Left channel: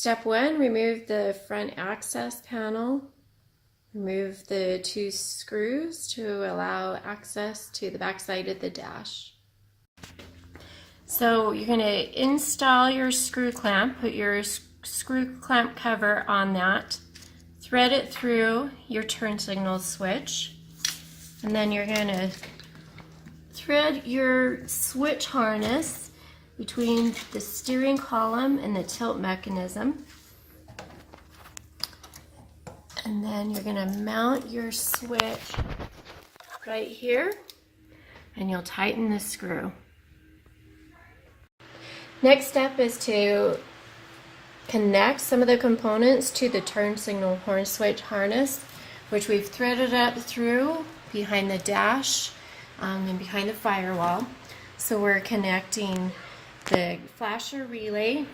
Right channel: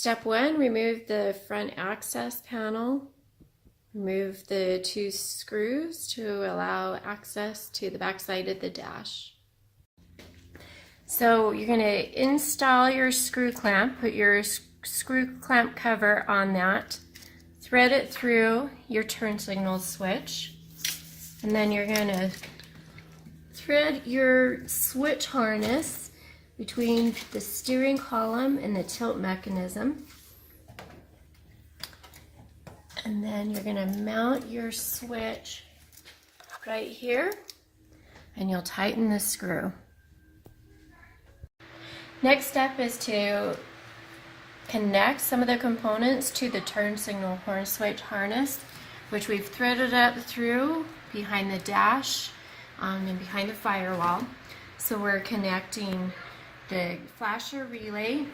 Step 1, remove the front access panel. Remove the 2 screws to allow access to the back side of the dash. So you're going to install your screw clamp, put your screw clamp cover on that, thread it through your turn signal switch, and then you're going to thread your switch harness between the steering column and the tilt mechanism. And then you're going to mount your switch right here, and you'll tighten the screw. Next step is to connect some of the components to the turn signal horn switch harness, which we've threaded up through behind the dash and behind the firewall. So we're connecting the flasher relay.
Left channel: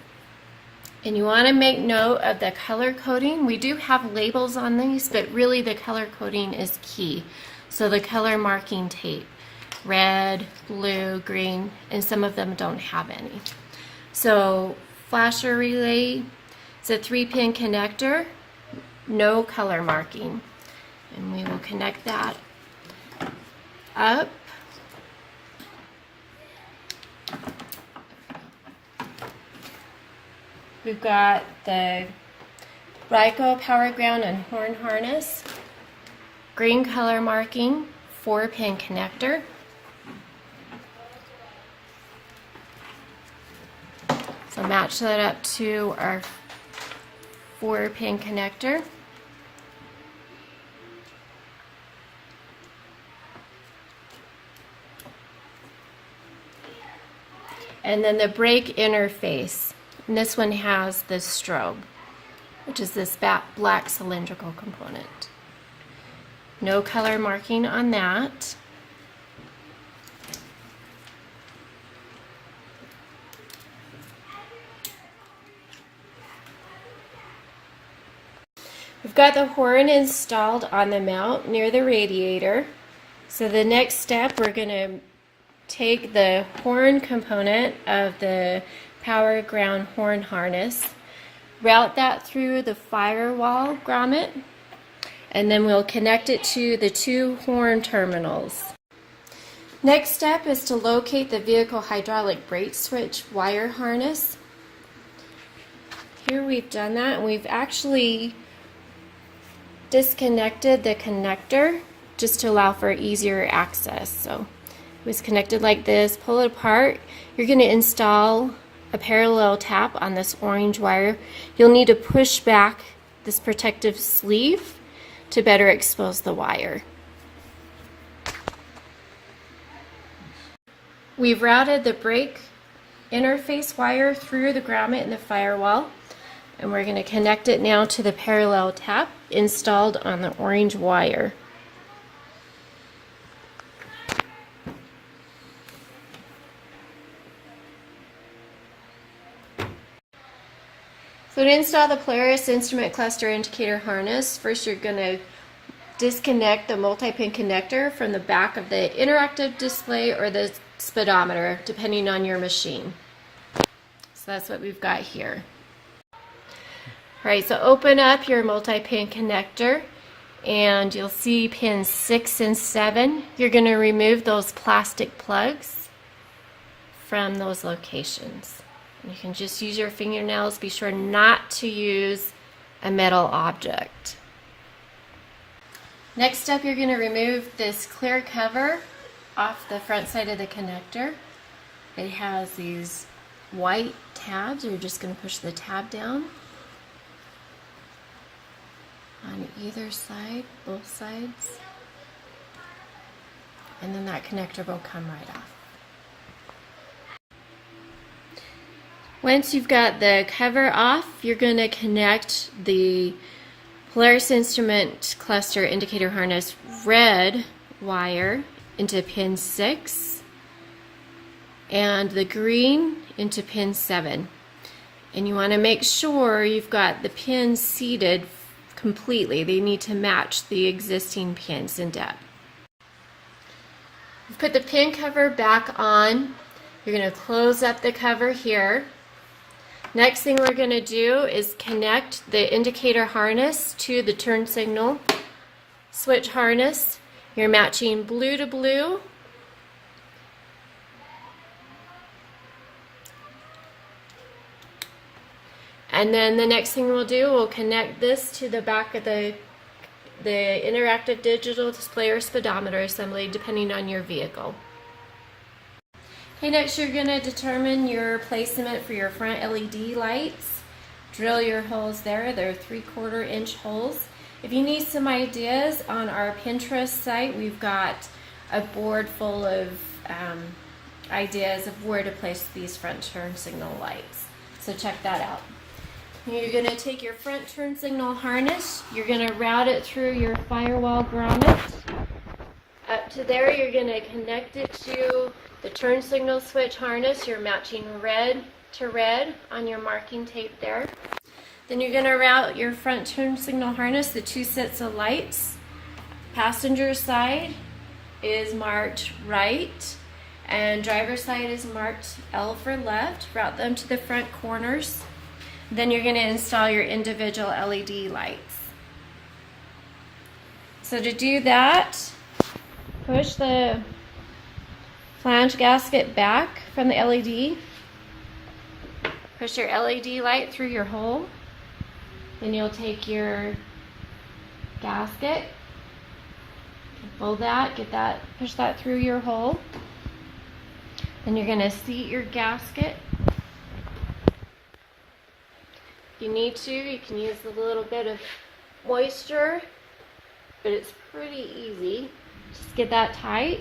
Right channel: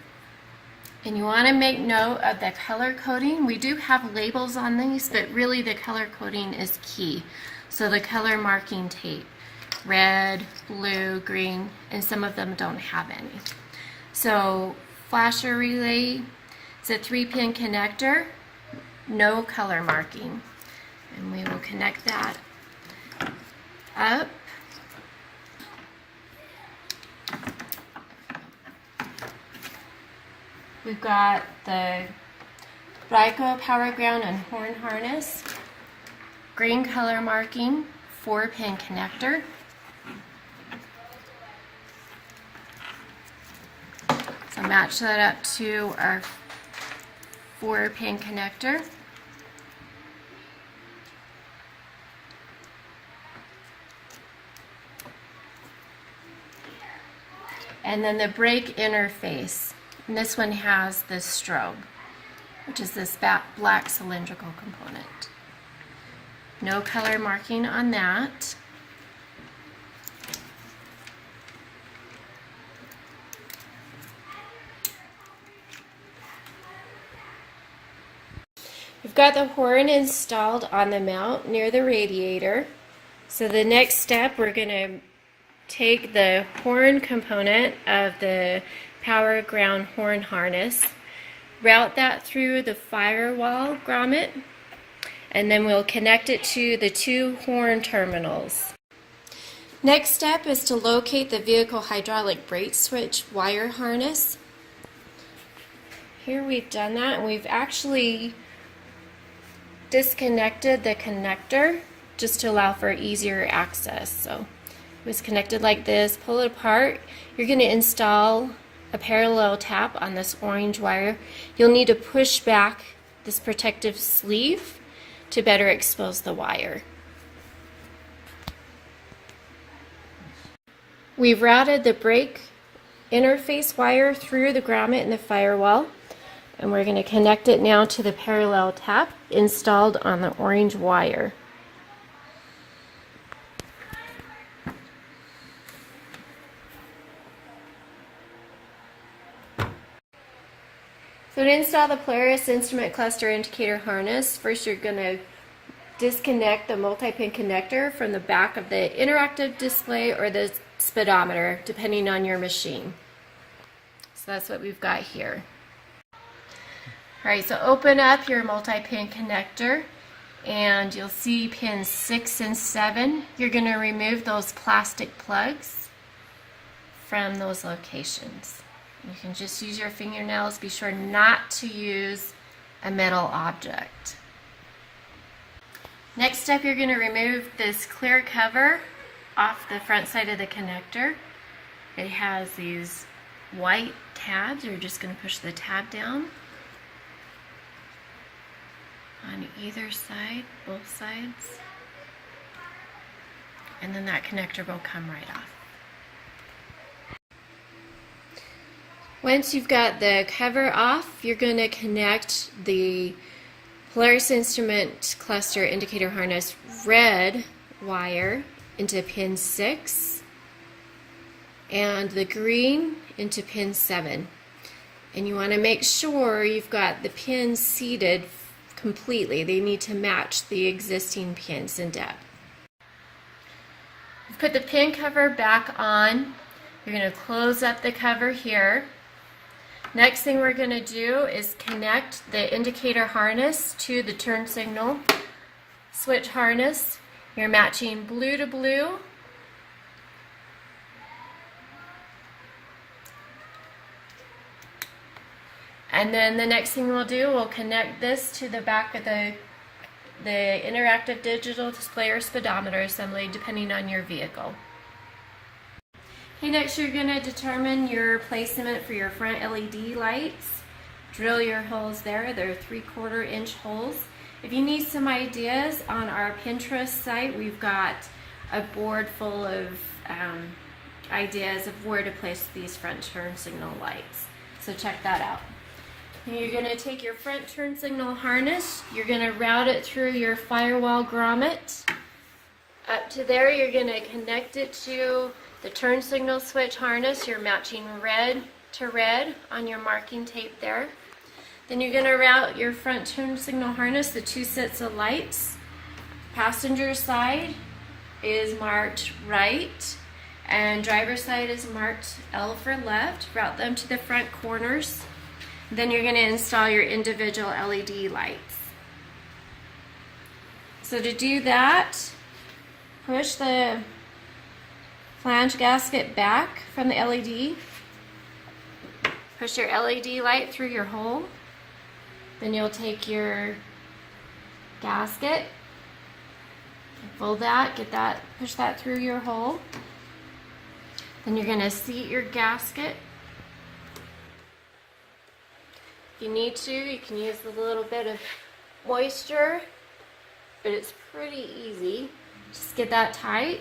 And you want to make note of the color coding. We do have labels on these, but really the color coding is key. So the color marking tape, red, blue, green, and some of them don't have any. So flasher relay is a 3-pin connector, no color marking. And we will connect that up. We've got the RYCO power ground and horn harness, green color marking, 4-pin connector. So match that up to our 4-pin connector. And then the brake interface. And this one has the strobe, which is this black cylindrical component. No color marking on that. We've got the horn installed on the mount near the radiator. So the next step, we're going to take the horn component of the power ground horn harness, route that through the firewall grommet, and then we'll connect it to the 2 horn terminals. Next step is to locate the vehicle hydraulic brake switch wire harness. Here we've done that, and we've actually disconnected the connector just to allow for easier access. So it was connected like this. Pull it apart. You're going to install a parallel tap on this orange wire. You'll need to push back this protective sleeve to better expose the wire. We've routed the brake interface wire through the grommet and the firewall, and we're going to connect it now to the parallel tap installed on the orange wire. So to install the Polaris instrument cluster indicator harness, first you're going to disconnect the multi-pin connector from the back of the interactive display or the speedometer, depending on your machine. So that's what we've got here. Alright, so open up your multi-pin connector and you'll see pins 6 and 7. You're going to remove those plastic plugs from those locations. You can just use your fingernails. Be sure not to use a metal object. Next step, you're going to remove this clear cover off the front side of the connector. It has these white tabs. You're just going to push the tab down on either side, both sides, and then that connector will come right off. Once you've got the cover off, you're going to connect the Polaris instrument cluster indicator harness red wire into pin 6 and the green into pin 7. And you want to make sure you've got the pins seated completely. They need to match the existing pins in depth. Put the pin cover back on. You're going to close up the cover here. Next thing we're going to do is connect the indicator harness to the turn signal switch harness. You're matching blue to blue. And then the next thing we'll do, we'll connect this to the back of the interactive digital display or speedometer assembly, depending on your vehicle. Okay, next you're going to determine your placement for your front LED lights. Drill your holes there. They're 3/4 inch holes. If you need some ideas, on our Pinterest site, we've got a board full of ideas of where to place these front turn signal lights. So check that out. You're going to take your front turn signal harness, you're going to route it through your firewall grommet. Up to there, you're going to connect it to the turn signal switch harness. You're matching red to red on your marking tape there. Then you're going to route your front turn signal harness, the 2 sets of lights. Passenger side is marked right, and driver side is marked L for left. Route them to the front corners. Then you're going to install your individual LED lights. So to do that, push the flange gasket back from the LED. Push your LED light through your hole. Then you'll take your gasket, fold that, push that through your hole. Then you're going to seat your gasket. If you need to, you can use a little bit of moisture, but it's pretty easy. Just get that tight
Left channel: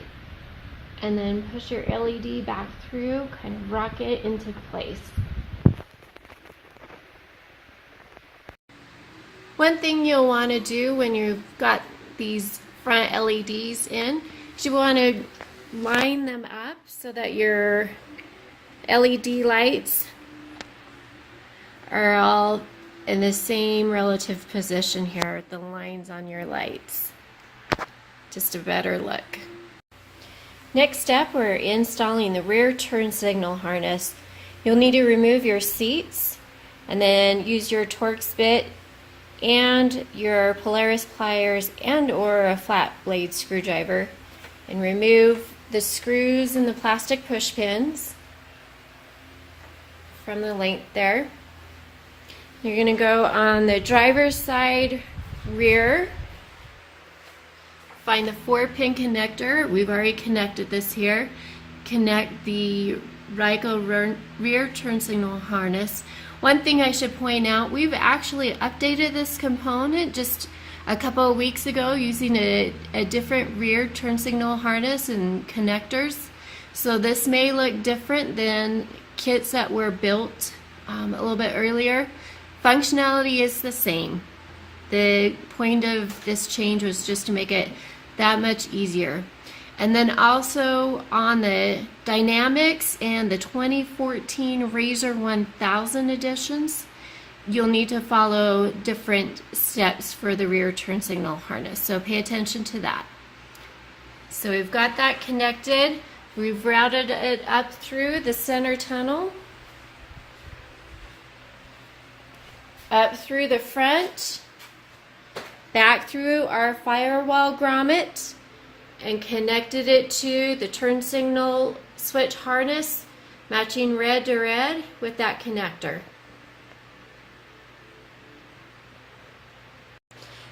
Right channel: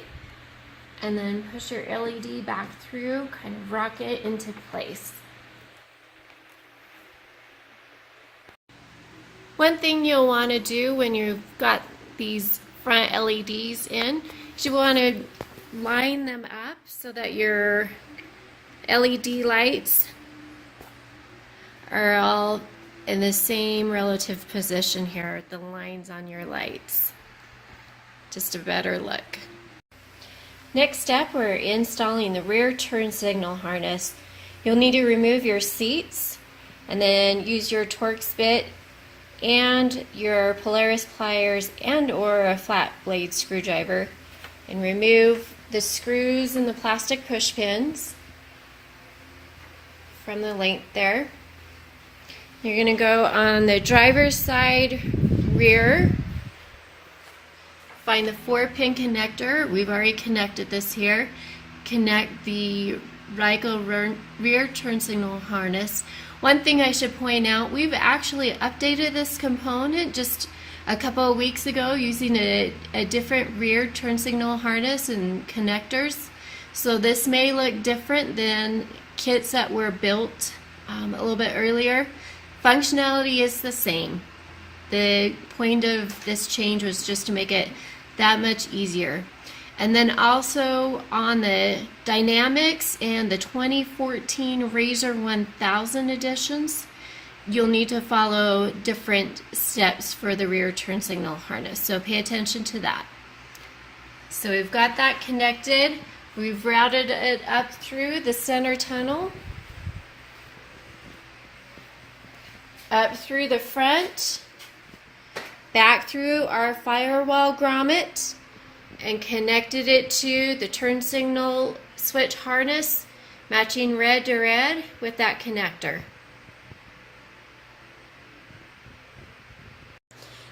and then push your LED back through, kind of rock it into place. One thing you'll want to do when you've got these front LEDs in, is you want to line them up so that your LED lights are all in the same relative position here, the lines on your lights. Just a better look. Next step, we're installing the rear turn signal harness. You'll need to remove your seats and then use your Torx bit and your Polaris pliers and or a flat blade screwdriver and remove the screws and the plastic push pins from the length there. You're going to go on the driver's side rear, find the 4-pin connector. We've already connected this here. Connect the RYCO rear turn signal harness. One thing I should point out, we've actually updated this component just a couple of weeks ago using a different rear turn signal harness and connectors. So this may look different than kits that were built a little bit earlier. Functionality is the same. The point of this change was just to make it that much easier. And then also on the Dynamics and the 2014 RZR 1000 editions, you'll need to follow different steps for the rear turn signal harness. So pay attention to that. So we've got that connected. We've routed it up through the center tunnel, up through the front, back through our firewall grommet, and connected it to the turn signal switch harness, matching red to red with that connector.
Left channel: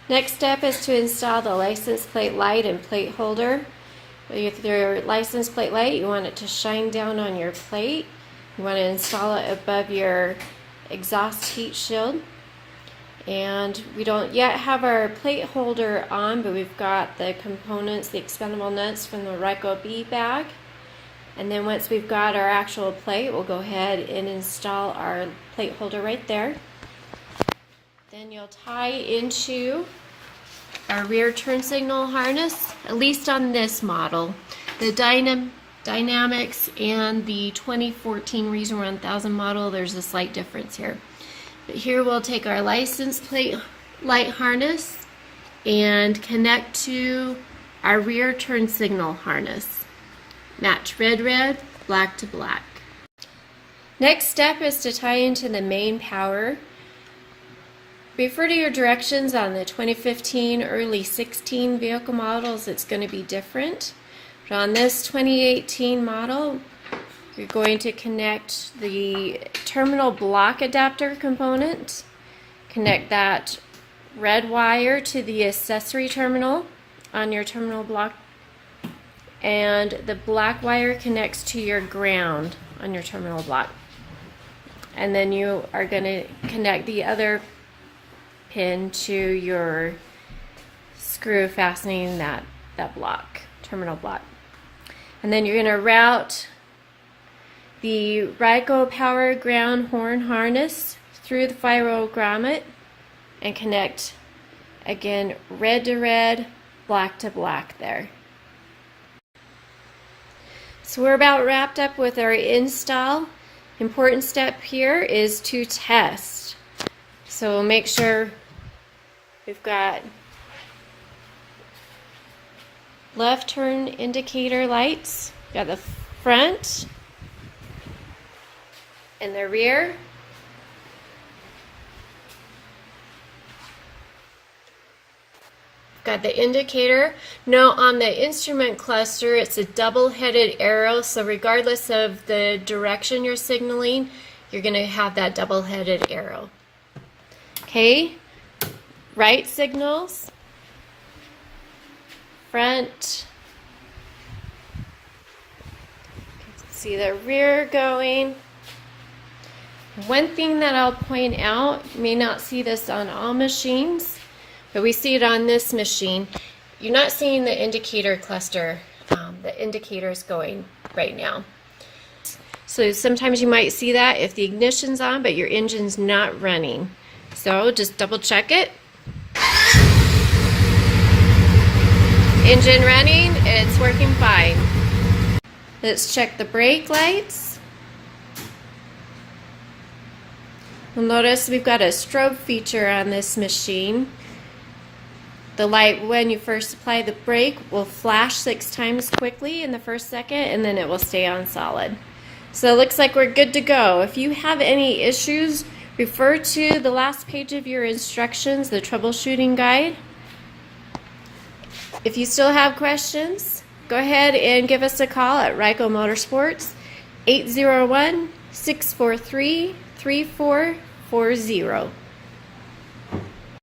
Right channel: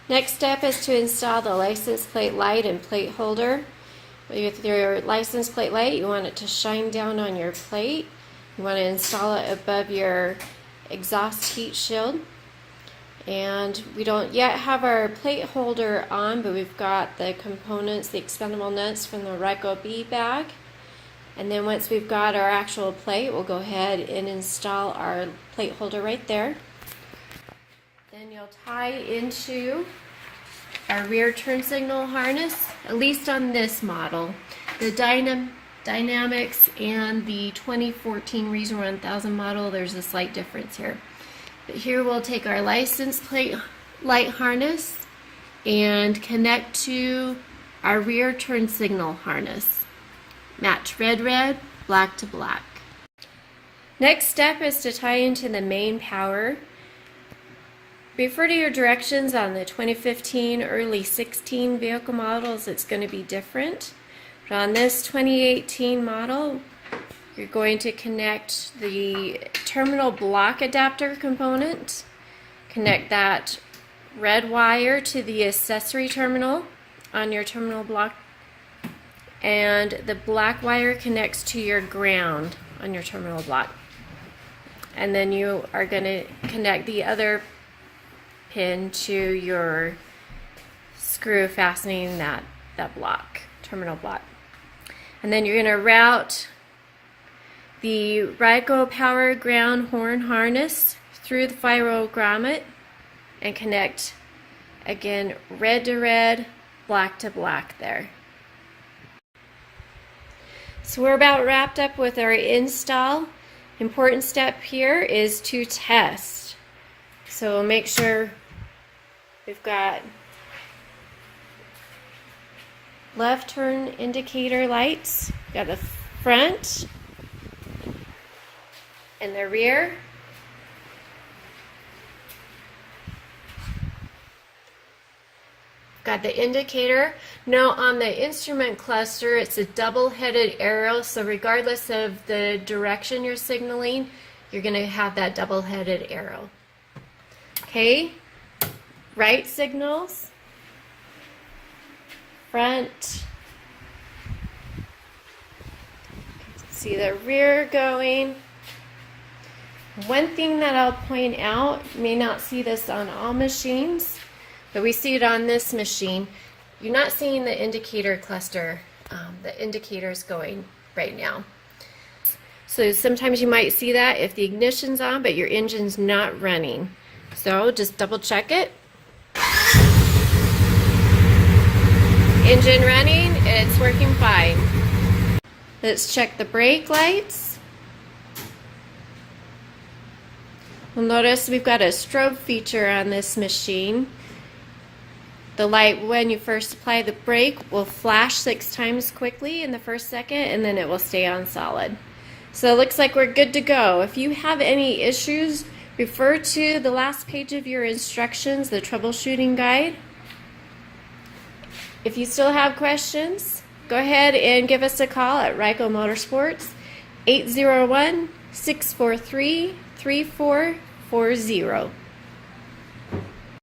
Next step is to install the license plate light and plate holder. With your license plate light, you want it to shine down on your plate. You want to install it above your exhaust heat shield. And we don't yet have our plate holder on, but we've got the components, the expendable nuts from the RYCO B bag. And then once we've got our actual plate, we'll go ahead and install our plate holder right there. Then you'll tie into our rear turn signal harness, at least on this model. The Dynamics and the 2014 RZR 1000 model, there's a slight difference here. But here we'll take our license plate light harness and connect to our rear turn signal harness. Match red, red, black to black. Next step is to tie into the main power. Refer to your directions on the 2015, early 16 vehicle models. It's going to be different. But on this 2018 model, you're going to connect the terminal block adapter component. Connect that red wire to the accessory terminal on your terminal block, and the black wire connects to your ground on your terminal block. And then you are going to connect the other pin to your screw fastening that block, terminal block. And then you're going to route the RYCO power ground horn harness through the firewall grommet and connect again red to red, black to black there. So we're about wrapped up with our install. Important step here is to test. So we'll make sure we've got left turn indicator lights, we've got the front and the rear. Got the indicator. Now on the instrument cluster, it's a double-headed arrow, so regardless of the direction you're signaling, you're going to have that double-headed arrow. Okay, right signals, front. Okay, see the rear going. One thing that I'll point out, you may not see this on all machines, but we see it on this machine. You're not seeing the indicator cluster, the indicators going right now. So sometimes you might see that if the ignition's on, but your engine's not running. So just double check it. Engine running, it's working fine. Let's check the brake lights. You'll notice we've got a strobe feature on this machine. The light, when you first apply the brake, will flash 6 times quickly in the first second, and then it will stay on solid. So it looks like we're good to go. If you have any issues, refer to the last page of your instructions, the troubleshooting guide. If you still have questions, go ahead and give us a call at RYCO Motorsports, 801-643-3440.